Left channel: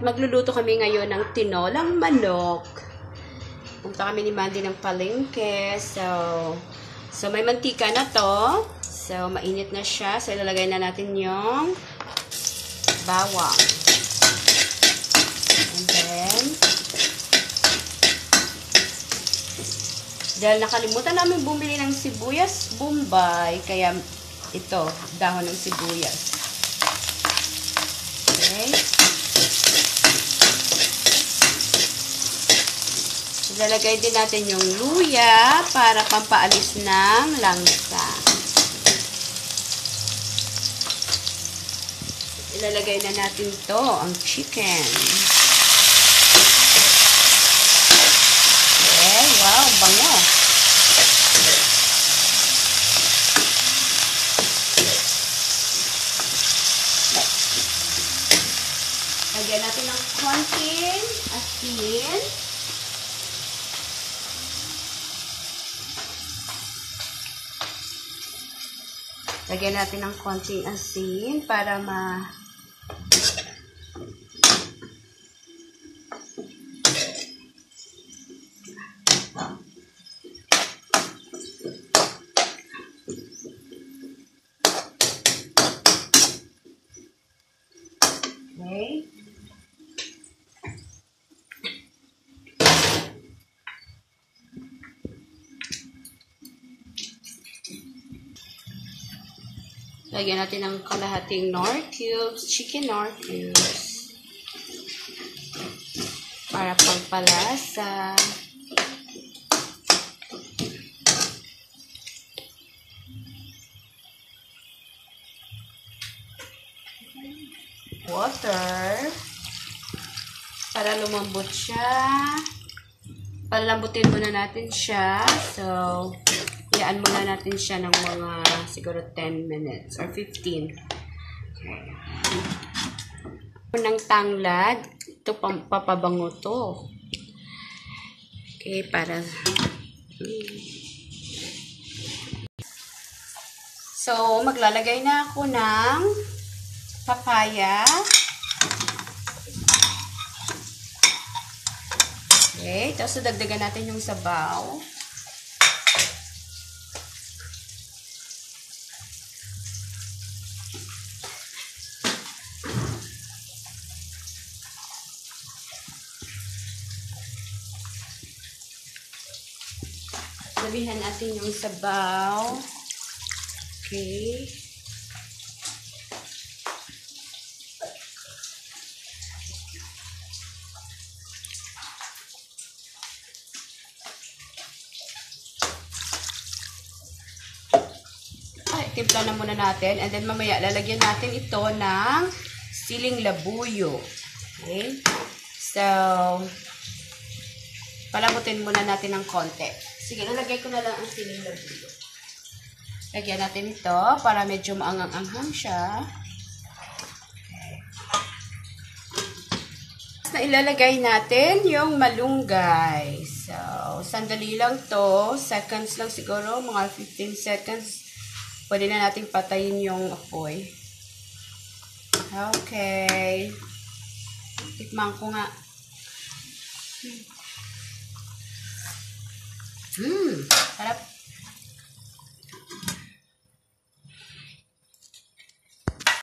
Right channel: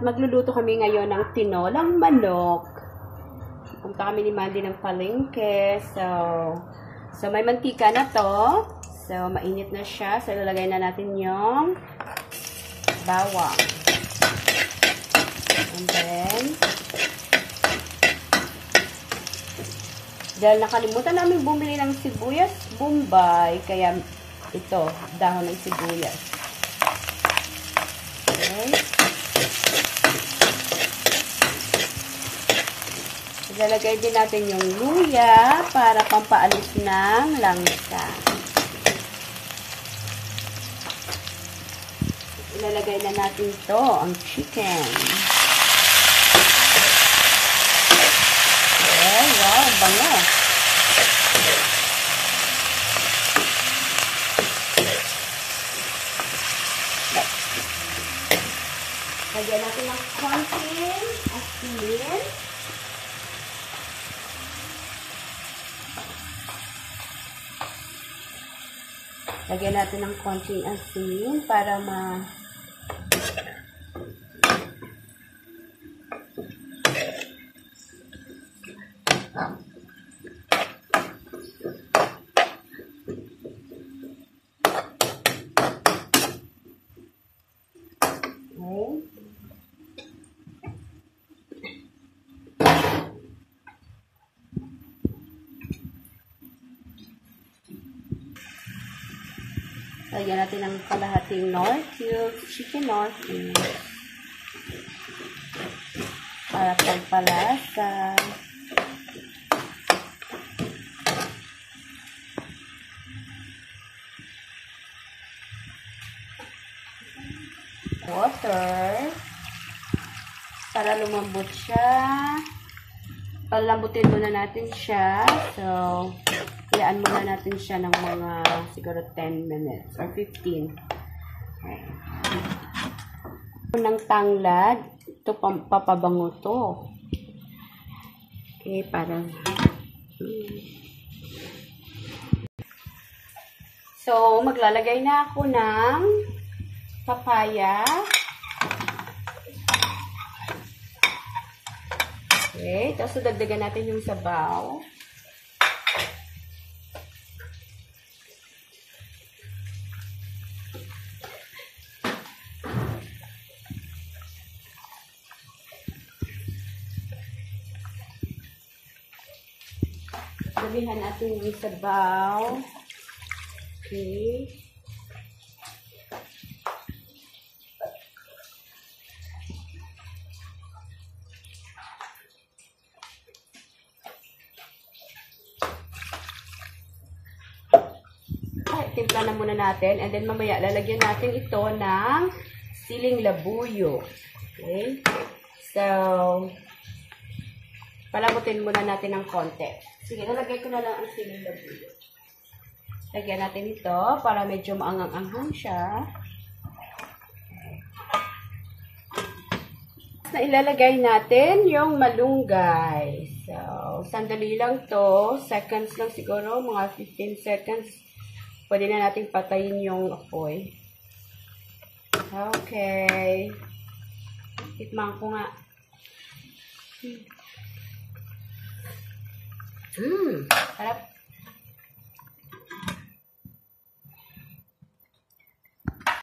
At magluluto kami ngayon ng tinolang manok. Punta kami ni Mandy ng palengke. So may mantika na to. So, mainit na siya. So, ilalagay na natin yung bawang. And then, dahil nakalimutan namin bumili ng sibuyas Bombay, kaya ito, dahon ng sibuyas. Okay. Ilalagay din natin yung luya para pampaalis ng langsa. Ilalagay na natin to, ang chicken. Okay, wow, bango. Lagyan natin ng konting asin. Lagyan natin ng konting asin para Okay. Lagyan natin ng kalahating Knorr cubes, chicken Knorr cubes. Para pagpalasa. Water. Para lumambot siya. Palambutin muna natin siya. So, iyaan muna natin siya ng mga siguro 10 minutes or 15. Okay. Ng tanglad. Ito papabango to. Okay, para So, maglalagay na ako ng papaya. Okay, tapos dagdagan natin yung sabaw. Sabihan natin yung sabaw. Okay. Timpla na muna natin. And then mamaya lalagyan natin ito ng siling labuyo. Okay. So, palamutin muna natin ng konti. Sige, lalagay ko na lang ang siling labuyo. Lagyan natin ito para medyo maangang-anghang siya. Okay. Na ilalagay natin yung malunggay. So, sandali lang to. Seconds lang siguro. Mga 15 seconds. Pwede na natin patayin yung apoy. Okay. Tikman ko nga. Sarap.